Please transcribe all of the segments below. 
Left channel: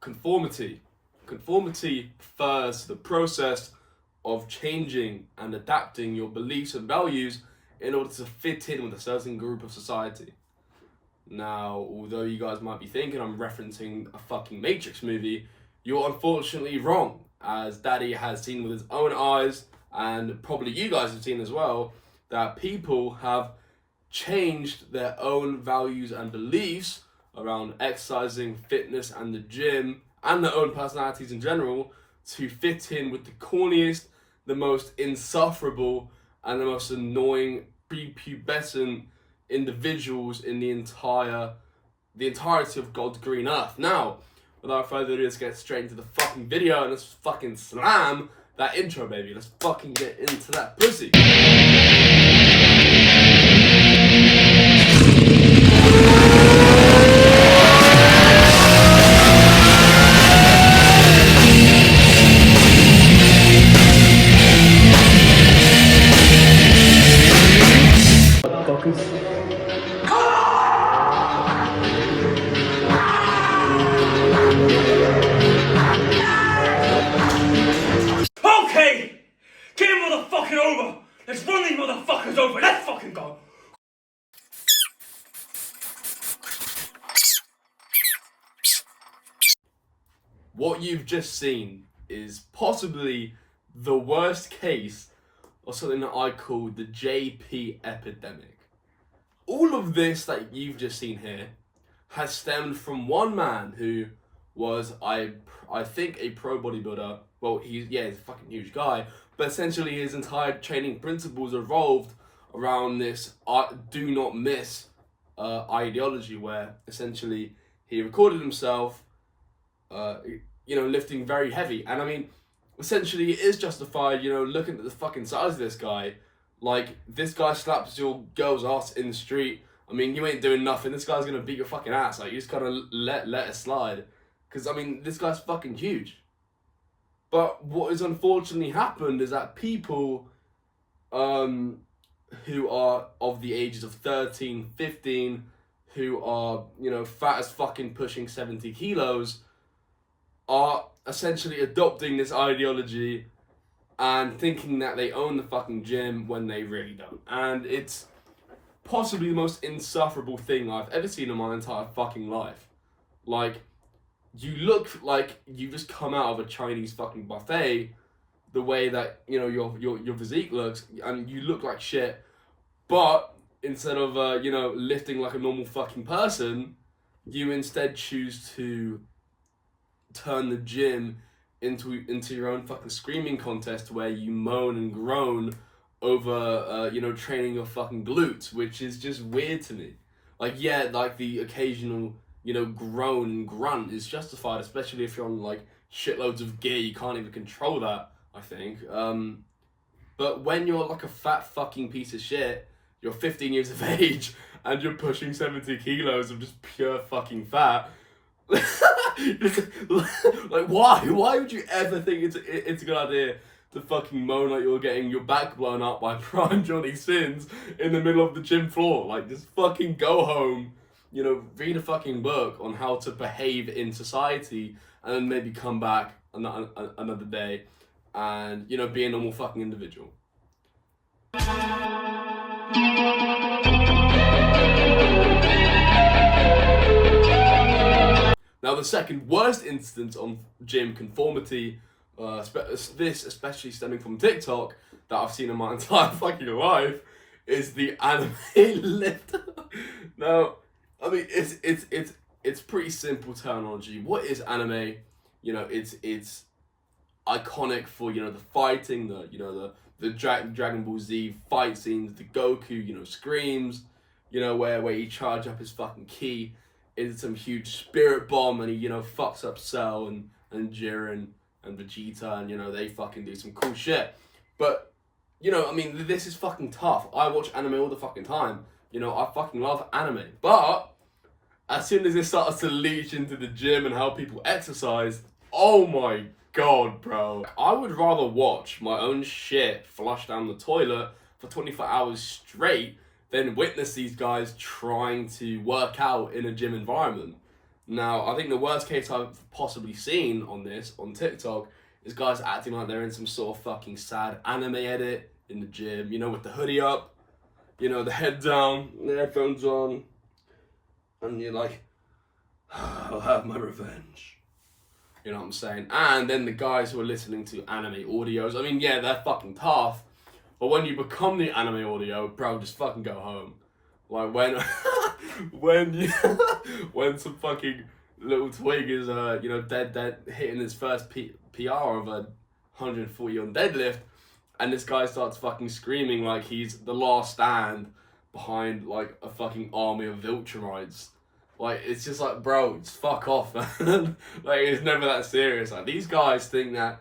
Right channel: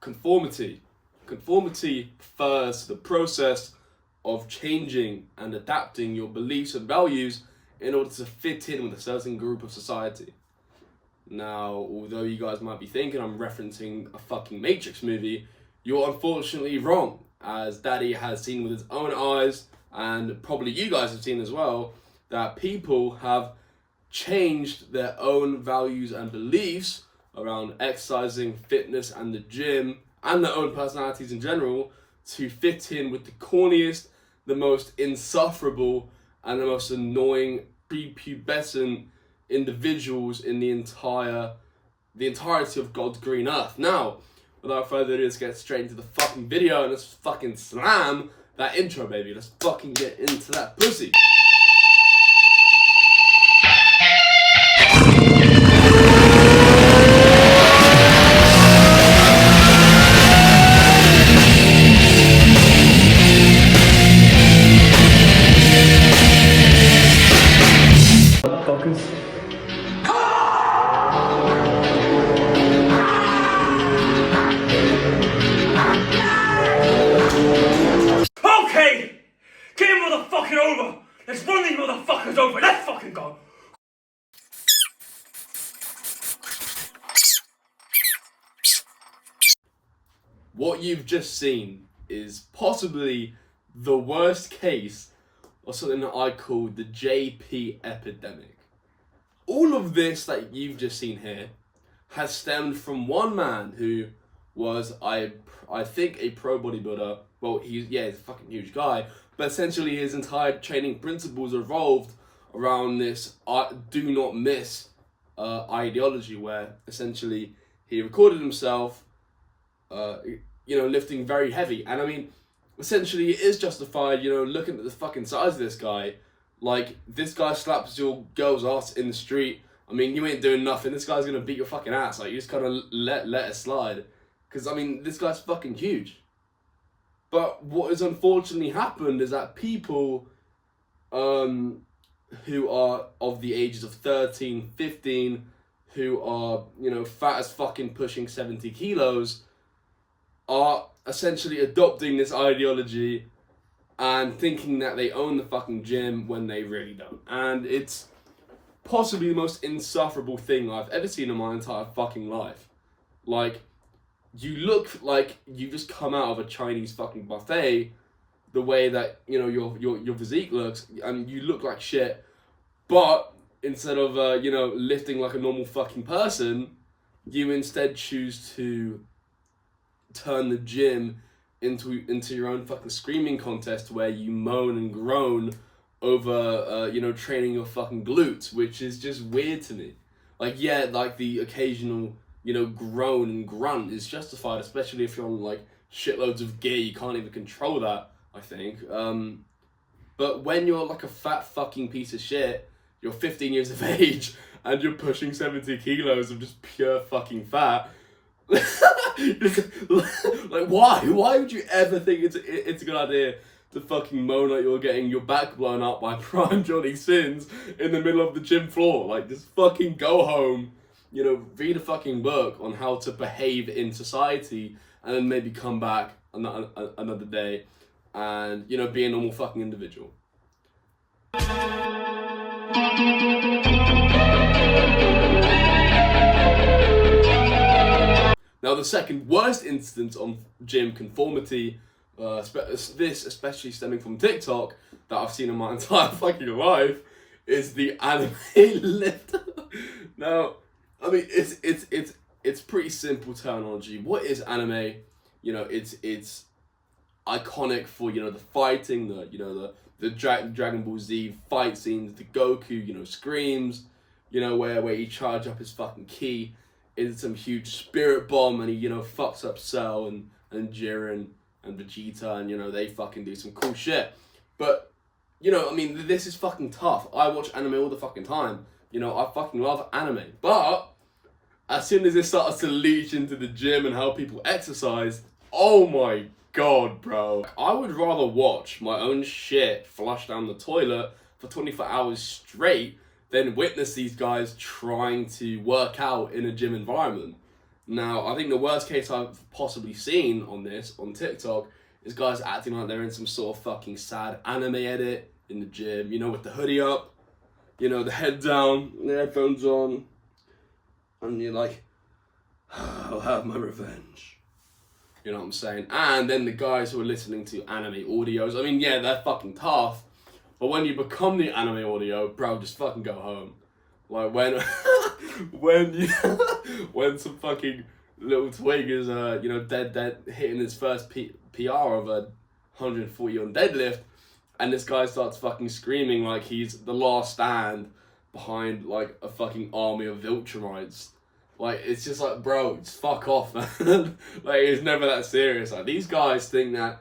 conformity. Conformity refers to the process of changing and adapting your beliefs and values in order to fit in with a certain group of society. Now, although you guys might be thinking I'm referencing a fucking Matrix movie, you're unfortunately wrong, as Daddy has seen with his own eyes, and probably you guys have seen as well, that people have changed their own values and beliefs around exercising, fitness, and the gym, and their own personalities in general, to fit in with the corniest, the most insufferable, and the most annoying prepubescent individuals in the entirety of God's green earth. Now, without further ado, let's get straight into the fucking video and let's fucking slam that intro, baby. Let's fucking get into that pussy. Motherfuckers. Okay! Get him motherfucking over! Let's run these motherfuckers over! Let's fucking go! What you've just seen is possibly the worst case of something that I call the JP epidemic. All of this that you've just seen here has stemmed from one man who was, I think, a pro bodybuilder. Well, he's a fucking huge guy, but essentially his entire training principles evolved around this do not miss ideology, where essentially he recorded himself lifting very heavy. And I mean, essentially it is justified, looking at the fucking size of this guy. Like, this guy slaps your girl's ass in the street. I mean, you ain't doing nothing. This guy's gonna beat your fucking ass. Like, you just kind of let it slide. Because, I mean, this guy's fucking huge. But what has unfortunately happened is that people who are of the ages of 13, 15, who are, fat as fucking pushing 70 kilos, are essentially adopting this ideology and thinking that they own the fucking gym when they really don't. And it's possibly the most insufferable thing I've ever seen in my entire fucking life. Like, you look like you just come out of a Chinese fucking buffet, the way that, your physique looks, and you look like shit, but instead of, lifting like a normal fucking person, you instead choose to turn the gym into your own fucking screaming contest where you moan and groan over training your fucking glutes, which is just weird to me. Like, yeah, like the occasional groan and grunt is justified, especially if you're on like shitloads of gear. You can't even control that, I think. But when you're like a fat fucking piece of shit, you're 15 years of age and you're pushing 70 kilos of just pure fucking fat. Like, why would you ever think it's a good idea to fucking moan like you're getting your back blown up by prime Johnny Sins in the middle of the gym floor? Like, just fucking go home, read a fucking book on how to behave in society, and then maybe come back another day and be a normal fucking individual. Now, the second worst instance on gym conformity, this especially stemming from TikTok, that I've seen in my entire fucking life, is the anime lifter. Now, I mean, it's pretty simple terminology. What is anime? It's iconic for the fighting, the Dragon Ball Z fight scenes, the Goku screams, where he charge up his fucking ki into some huge spirit bomb, and he fucks up Cell and Jiren and Vegeta, and they fucking do some cool shit. But I mean, this is fucking tough. I watch anime all the fucking time. I fucking love anime. But as soon as it starts to leach into the gym and how people exercise, oh my god, bro. I would rather watch my own shit flush down the toilet for 24 hours straight than witness these guys trying to work out in a gym environment. Now, I think the worst case I've possibly seen on this, on TikTok, is guys acting like they're in some sort of fucking sad anime edit in the gym, you know, with the hoodie up, you know, the head down, the headphones on, and you're like, I'll have my revenge. You know what I'm saying? And then the guys who are listening to anime audios, I mean, yeah, they're fucking tough, but when you become the anime audio, bro, just fucking go home. Like when, when some fucking little twig is, you know, dead, hitting his first PR of a 140 on deadlift, and this guy starts fucking screaming like he's the last stand behind like a fucking army of Viltrumites. Like, it's just like, bro, just fuck off, man. Like, it's never that serious. Like, these guys think that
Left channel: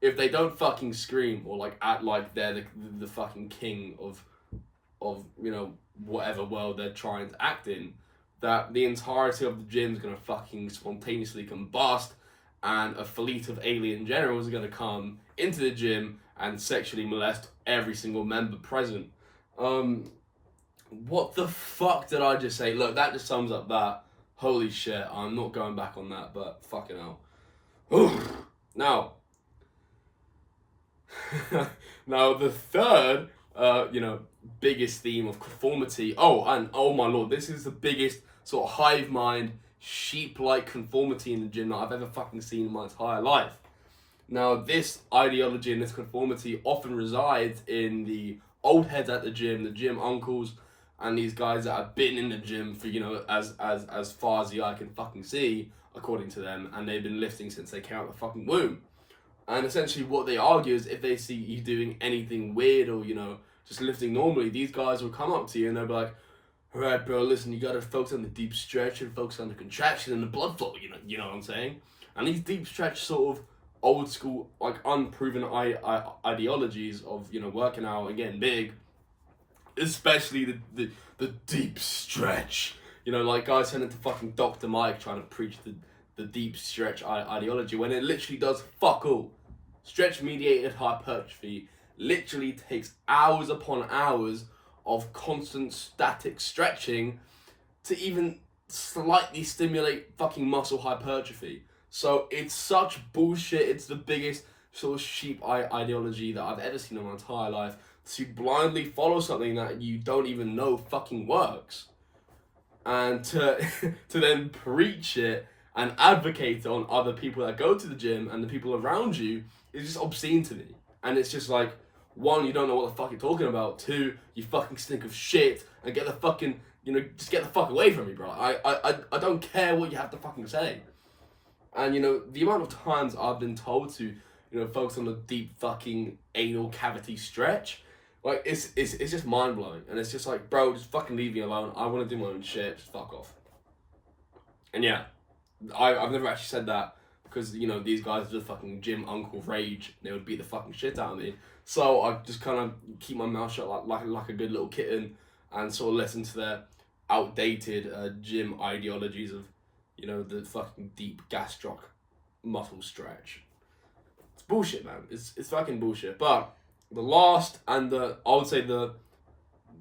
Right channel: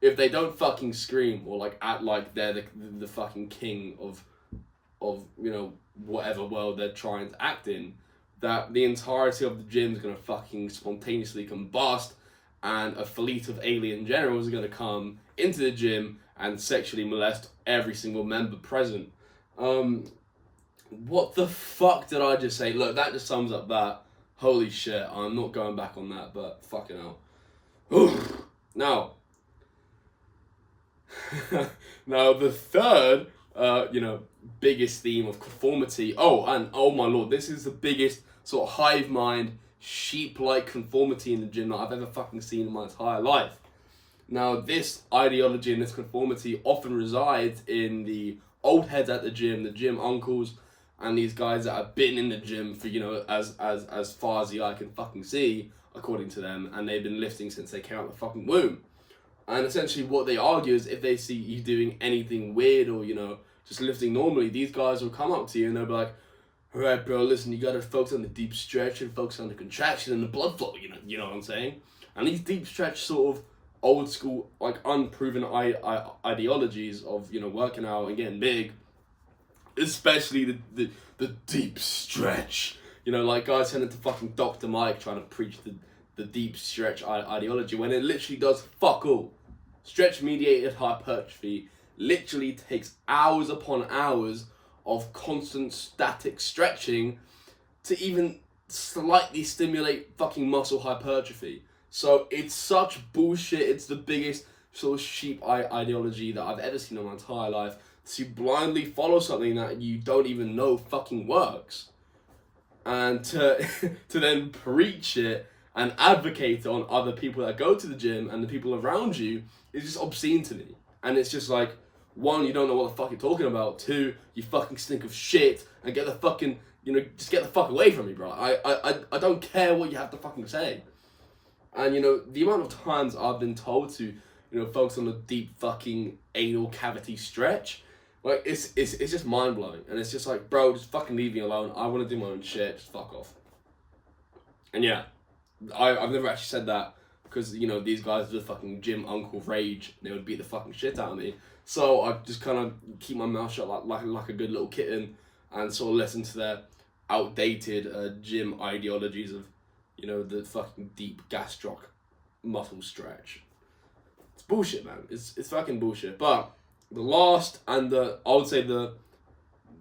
if they don't fucking scream or like act like they're the fucking king of you know, whatever world they're trying to act in, that the entirety of the gym's gonna fucking spontaneously combust, and a fleet of alien generals are gonna come into the gym and sexually molest every single member present. What the fuck did I just say? Look, that just sums up that. Holy shit, I'm not going back on that, but fucking hell. Oof. Now, now the third, you know, biggest theme of conformity. Oh, and oh my lord, this is the biggest sort of hive mind, sheep-like conformity in the gym that I've ever fucking seen in my entire life. Now, this ideology and this conformity often resides in the old heads at the gym uncles, and these guys that have been in the gym for, you know, as far as the eye can fucking see, according to them, and they've been lifting since they came out the fucking womb. And essentially what they argue is if they see you doing anything weird or, you know, just lifting normally, these guys will come up to you and they'll be like, all right, bro, listen, you gotta focus on the deep stretch and focus on the contraction and the blood flow, you know what I'm saying? And these deep stretch sort of old school, like unproven ideologies of, you know, working out and getting big, especially the deep stretch. You know, like guys turn into fucking Dr. Mike trying to preach the deep stretch ideology when it literally does fuck all. Stretch mediated hypertrophy literally takes hours upon hours of constant static stretching to even slightly stimulate fucking muscle hypertrophy. So it's such bullshit. It's the biggest sort of sheep ideology that I've ever seen in my entire life, to blindly follow something that you don't even know fucking works, and to to then preach it and advocate on other people that go to the gym and the people around you is just obscene to me. And it's just like, one, you don't know what the fuck you're talking about. Two, you fucking stink of shit, and get the fucking, you know, just get the fuck away from me, bro. I don't care what you have to fucking say. And, you know, the amount of times I've been told to, you know, focus on the deep fucking anal cavity stretch, like, it's just mind-blowing. And it's just like, bro, just fucking leave me alone. I want to do my own shit. Just fuck off. And yeah, I've never actually said that because, you know, these guys are the fucking gym uncle rage. They would beat the fucking shit out of me. So I just kind of keep my mouth shut like a good little kitten and sort of listen to their outdated gym ideologies of, you know, the fucking deep gastroc muscle stretch. It's bullshit, man. It's fucking bullshit. But the last and I would say the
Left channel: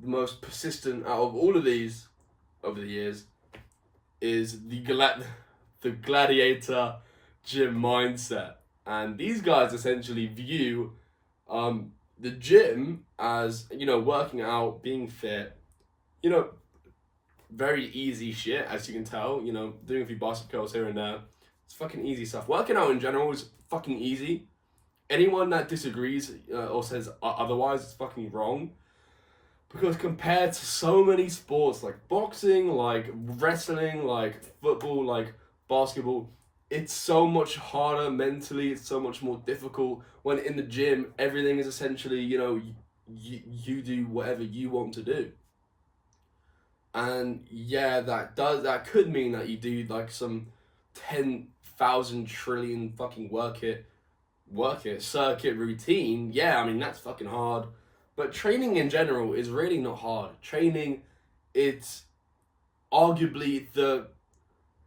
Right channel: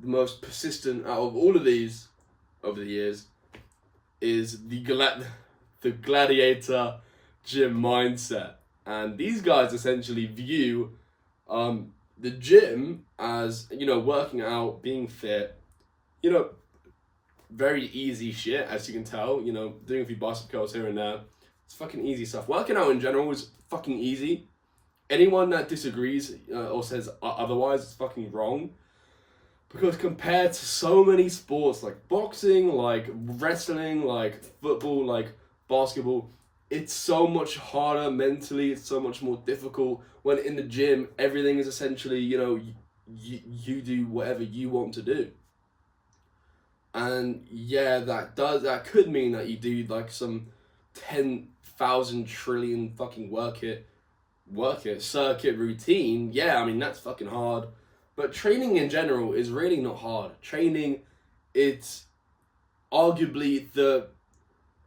most persistent out of all of these over the years is the gladiator gym mindset. And these guys essentially view the gym as, you know, working out, being fit, you know, very easy shit, as you can tell, you know, doing a few bicep curls here and there. It's fucking easy stuff. Working out in general is fucking easy. Anyone that disagrees or says otherwise is fucking wrong. Because compared to so many sports like boxing, like wrestling, like football, like basketball, it's so much harder mentally, it's so much more difficult when in the gym, everything is essentially, you know, you do whatever you want to do. And yeah, that could mean that you do like some 10,000 trillion fucking work it circuit routine. Yeah, I mean, that's fucking hard. But training in general is really not hard. Training, it's arguably the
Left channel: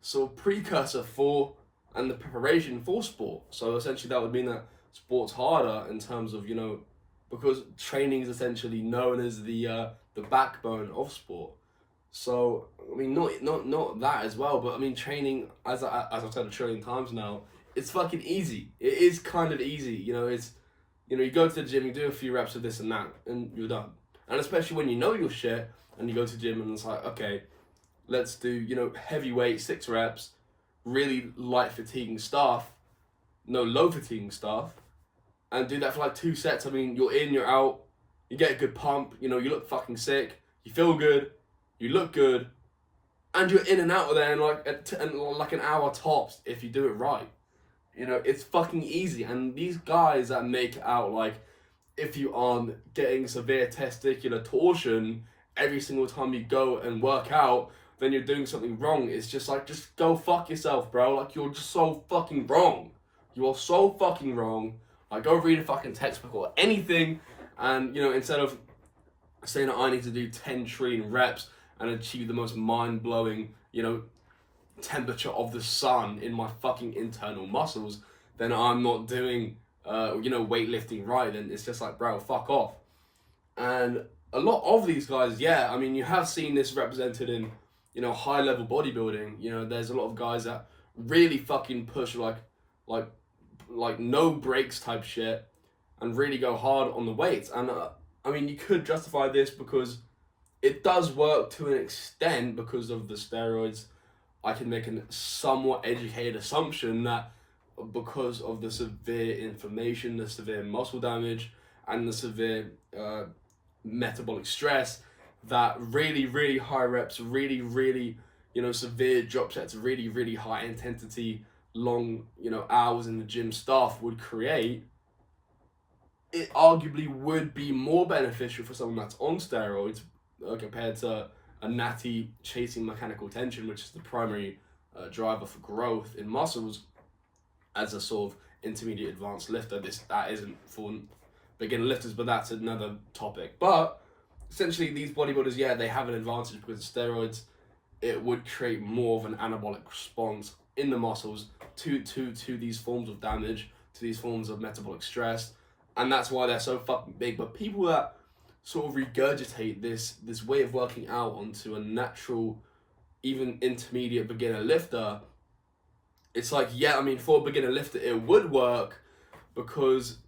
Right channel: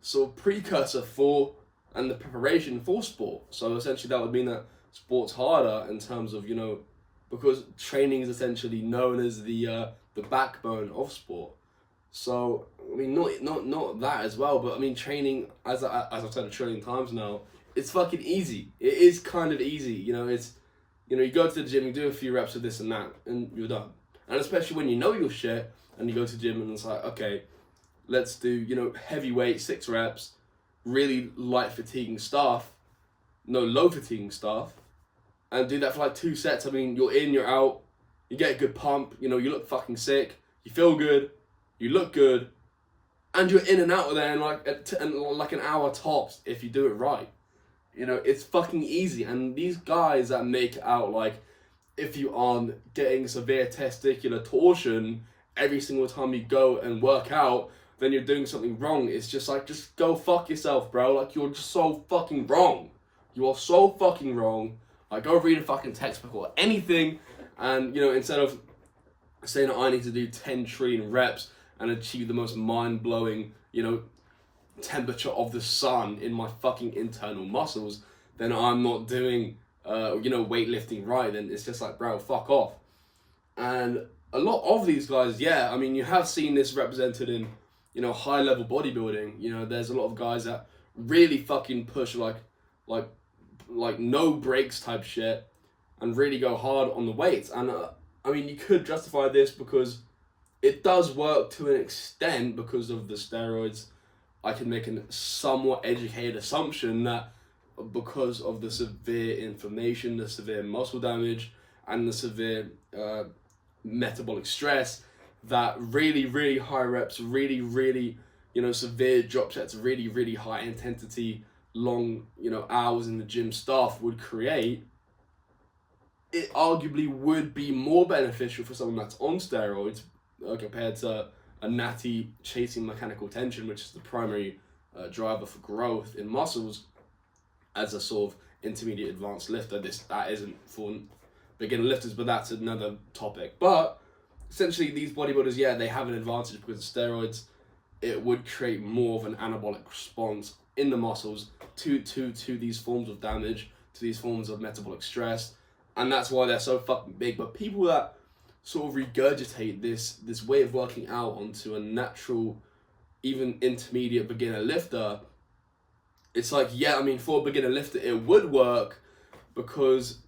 sort of precursor for and the preparation for sport. So essentially that would mean that sport's harder in terms of, you know, because training is essentially known as the backbone of sport. So I mean, not that as well, but I mean, training, as I've said a trillion times now, it's fucking easy. It is kind of easy, you know. It's, you know, you go to the gym, you do a few reps of this and that, and you're done. And especially when you know your shit, and you go to the gym and it's like, okay, let's do, you know, heavyweight 6 reps, really light fatiguing stuff, no low fatiguing stuff, and do that for like 2 sets. I mean, you're in, you're out, you get a good pump, you know, you look fucking sick, you feel good, you look good, and you're in and out of there in like an hour tops if you do it right. You know, it's fucking easy. And these guys that make it out like if you aren't getting severe testicular torsion every single time you go and work out, then you're doing something wrong. It's just like, just go fuck yourself, bro. Like, you're just so fucking wrong. You are so fucking wrong. Like, go read a fucking textbook or anything, and, you know, instead of saying that I need to do 10 trillion reps and achieve the most mind-blowing, you know, temperature of the sun in my fucking internal muscles, then I'm not doing, you know, weightlifting right. Then it's just like, bro, fuck off. And a lot of these guys, yeah, I mean, you have seen this represented in, you know, high-level bodybuilding. You know, there's a lot of guys that really fucking push like no breaks type shit and really go hard on the weights. And I mean, you could justify this because it does work to an extent because of the steroids. I can make a somewhat educated assumption that because of the severe inflammation, the severe muscle damage, and the severe metabolic stress, that really high reps, really, you know, severe drop sets, really high intensity, long, you know, hours in the gym stuff would create, it arguably would be more beneficial for someone that's on steroids compared to a natty chasing mechanical tension, which is the primary driver for growth in muscles, as a sort of intermediate advanced lifter. That isn't for beginner lifters, but that's another topic. But essentially, these bodybuilders, yeah, they have an advantage because of steroids. It would create more of an anabolic response in the muscles to these forms of damage, to these forms of metabolic stress, and that's why they're so fucking big. But people that sort of regurgitate this way of working out onto a natural, even intermediate beginner lifter, it's like, yeah, I mean, for a beginner lifter, it would work because,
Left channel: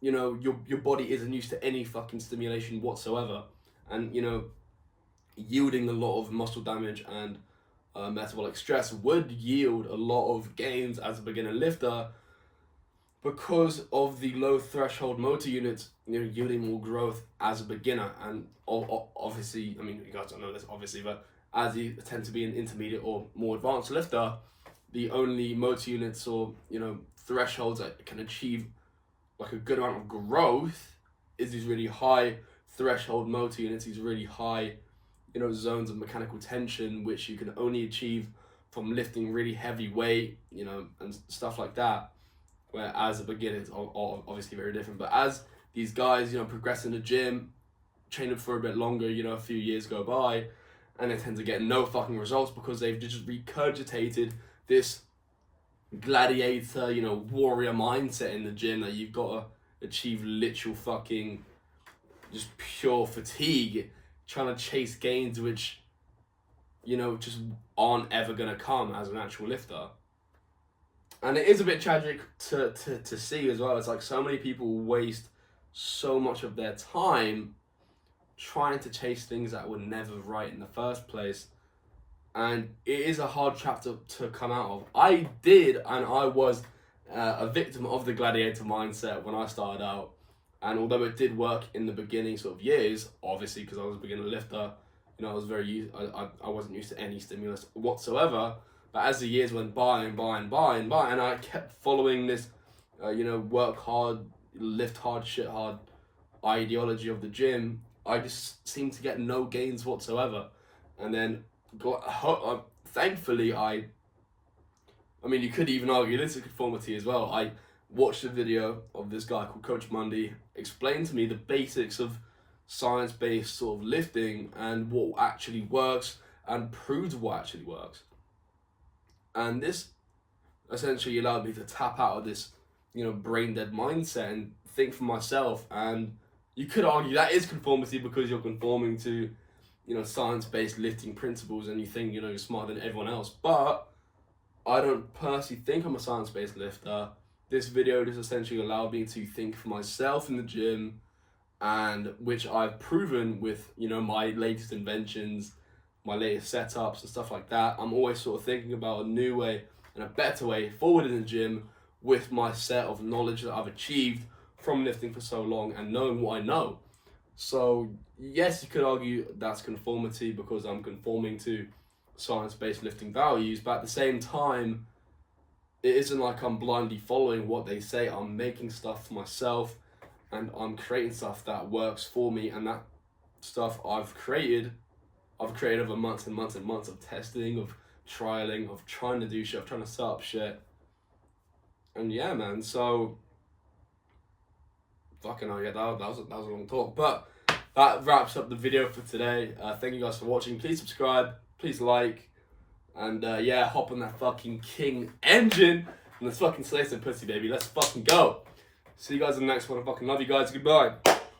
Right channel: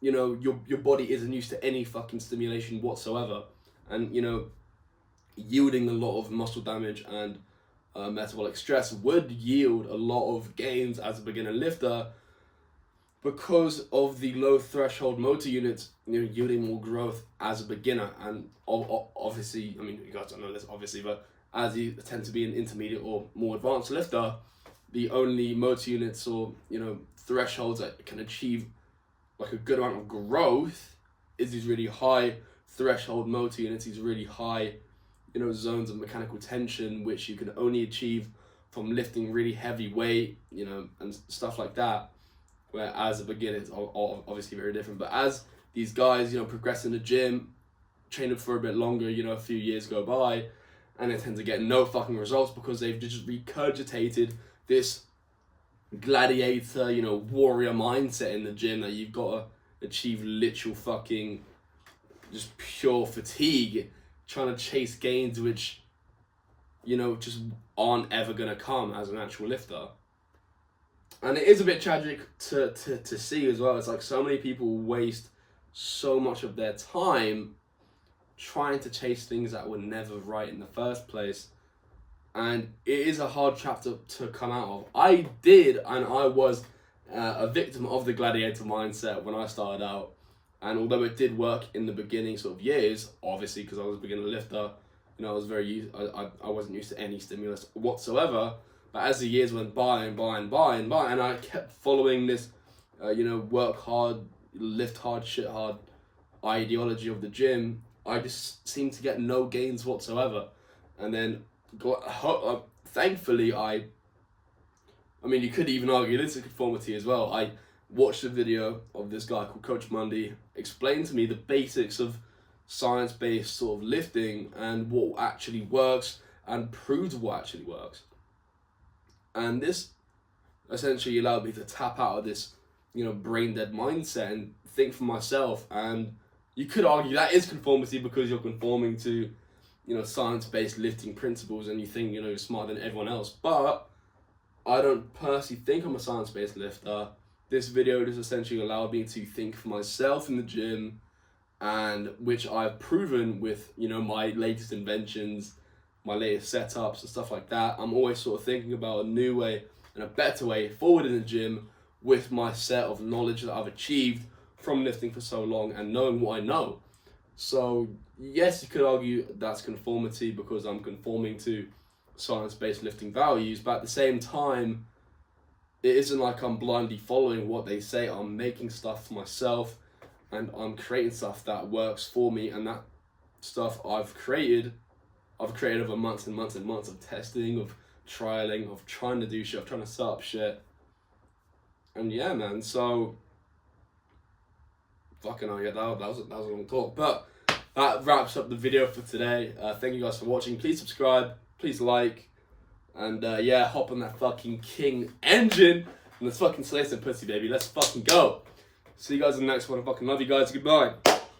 you know, your body isn't used to any fucking stimulation whatsoever, and, you know, yielding a lot of muscle damage and metabolic stress would yield a lot of gains as a beginner lifter because of the low threshold motor units, you know, yielding more growth as a beginner. And obviously, I mean, you guys don't know this obviously, but as you tend to be an intermediate or more advanced lifter, the only motor units or, you know, thresholds that can achieve like a good amount of growth is these really high threshold motor units, these really high, you know, zones of mechanical tension, which you can only achieve from lifting really heavy weight, you know, and stuff like that. Where as a beginner, it's obviously very different. But as these guys, you know, progress in the gym, train up for a bit longer, you know, a few years go by, and they tend to get no fucking results because they've just regurgitated this gladiator, you know, warrior mindset in the gym that you've got to achieve literal fucking just pure fatigue, trying to chase gains which, you know, just aren't ever gonna come as an actual lifter. And it is a bit tragic to see as well. It's like so many people waste so much of their time trying to chase things that were never right in the first place. And it is a hard trap to come out of. I did, and I was a victim of the gladiator mindset when I started out. And although it did work in the beginning sort of years, obviously because I was a beginner lifter, you know, I wasn't used to any stimulus whatsoever. But as the years went by, and I kept following this, you know, work hard, lift hard, shit hard ideology of the gym, I just seemed to get no gains whatsoever. And then, thankfully, I mean, you could even argue this is conformity as well. I watched a video of this guy called Coach Mundy explain to me the basics of science-based sort of lifting and what actually works and proves what actually works. And this essentially allowed me to tap out of this, you know, brain dead mindset and think for myself. And you could argue that is conformity because you're conforming to, science-based lifting principles and you think, you're smarter than everyone else. But I don't personally think I'm a science-based lifter. This video just essentially allowed me to think for myself in the gym, and which I've proven with, my latest inventions, my latest setups and stuff like that. I'm always sort of thinking about a new way and a better way forward in the gym with my set of knowledge that I've achieved from lifting for so long and knowing what I know. So yes, you could argue that's conformity because I'm conforming to science-based lifting values, but at the same time, it isn't like I'm blindly following what they say. I'm making stuff for myself and I'm creating stuff that works for me, and that stuff I've created over months and months and months of testing, of trialing, of trying to do shit, of trying to set up shit. And yeah, man, so fucking hell, yeah, that was a long talk. But that wraps up the video for today. Thank you guys for watching. Please subscribe, please like, and yeah, hop on that fucking King engine and let's fucking slay some pussy, baby. Let's fucking go. See you guys in the next one. I fucking love you guys. Goodbye.